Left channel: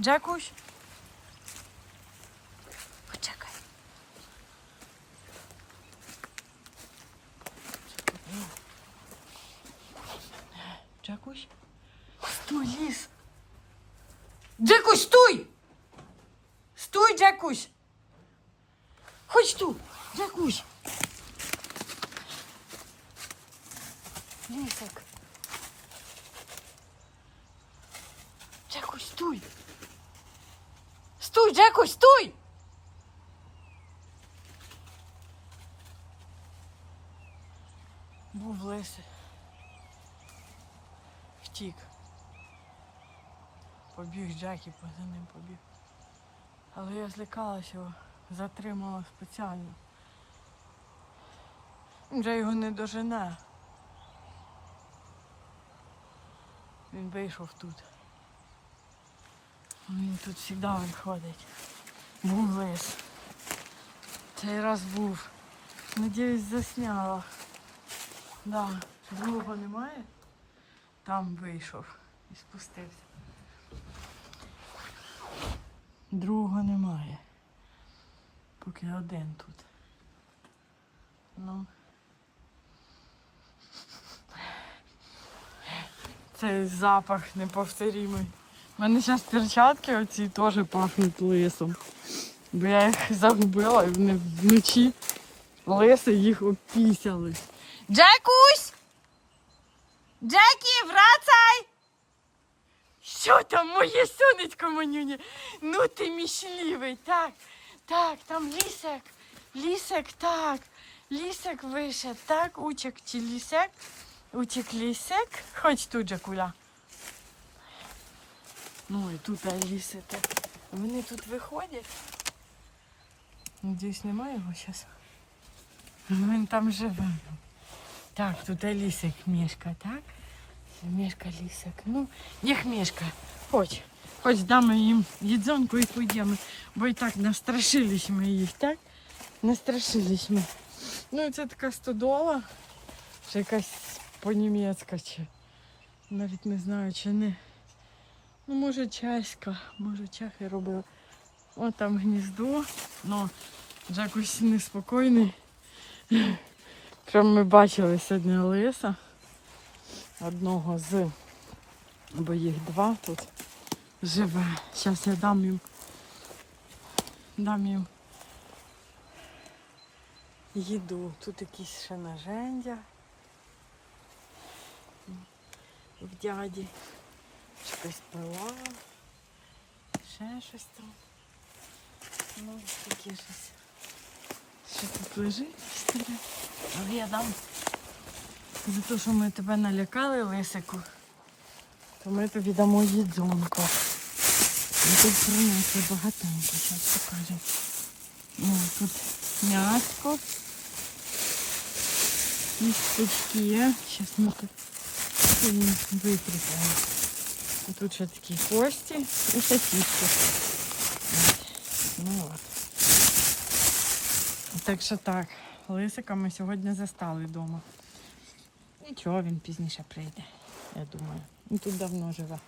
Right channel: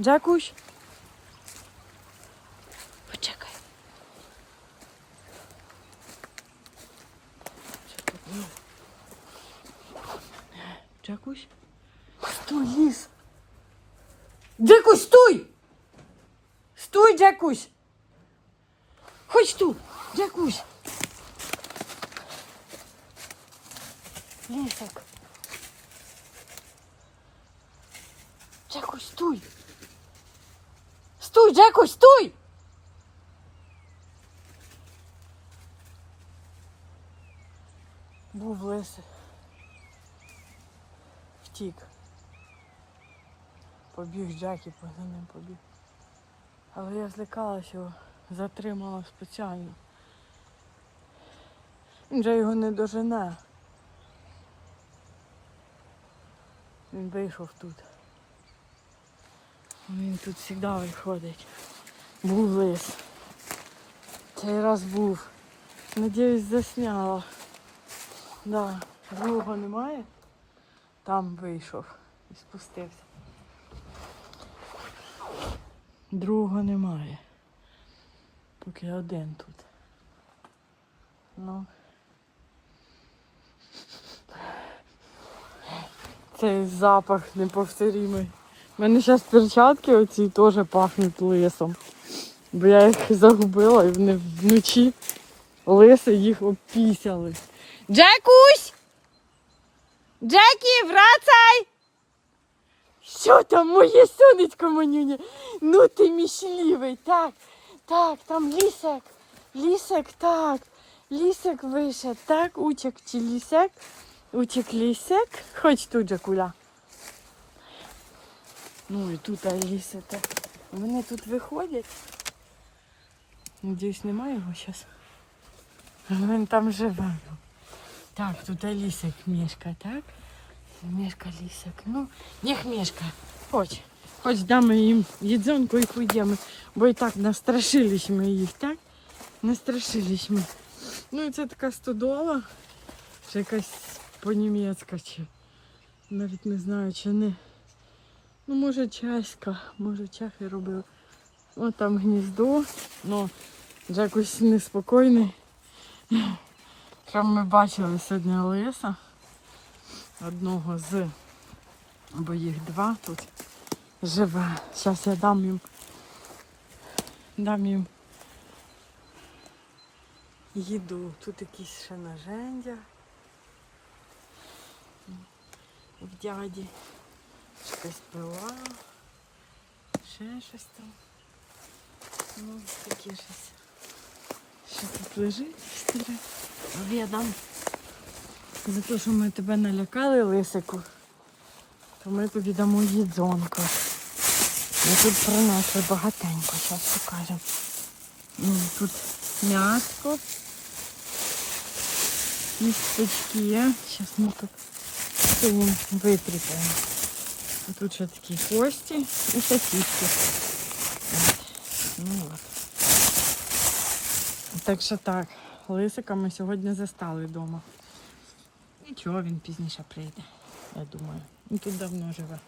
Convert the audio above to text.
Джакусь. Почекай. Джакусь. Стой, ліс. Джакусь, стой! Стой, Джакусь! Хоч тут, Джакусь! Лісик. Джакусь, стой! Стой, Джакусь, стой! Був лисе. Втік. Побіг Джакі, за ним побіг. Але я злякалася його, затримала спеціально. Він вже його не дожене. Він вийшов тут. Він тут завжди виходить. Був. Цей раз був. Надіюсь, засняла. Да. Другого немає. Там вийшов і спустився. Другого немає. Поки один тут. Ну. Цей запах неповторимий. У мене зараз перчатки оці теж пахнуть лисом. Бо я їх загубила і вони вночі лиси їх опісяли. Джекусь! Джекі, врацай! Що там, моє сонечко манюня? Ну ти мішлівий, так, так, там лісик, лісик, так, лісик вийшов, так, учик чи лісик, учик лісик, хоч тут же куля. Ну і тут ліси, так. Вони тут виходять. Надіюсь, немає його зараз. Він там живе. Так, тут лісик мішка, так? Мішка лісик. Ну, їх мішка. Хоч. Хоч дамо їм їдзонку і пойдемо. Бо і так настрашились ми їх, так? Настрашились ми. Ну і це така стодола. Ще якась по-німецька чи. Навіть не знаю, чи не. Ну, може, чеська, може, чехи робили. О, там гніздо. Ну, Джакусь неспокійний. Прям ми бачили сьогодні лиса. Одного з, бо їх два тут живе. Зараз я дам їм. Дам їм їду. Тут якісь ще нажендя. В дяді. Щось пила. Ще щось там. Ну, таке щось. Що тут лежить старе. Але я дам за те, що ми тебе налякали, лисику, то ми тобі дамо їдзонку. Ми тут принесли багатенько, зараз покажемо. Ну, тут м'яско. Містечки. Зараз ми тут. А Тут ще такі кості і сосиски. Ну от. Так що так, лисика ми сьогодні застали вдома. Нічого, він пізніше прийде, я думаю. Він тут давно живе.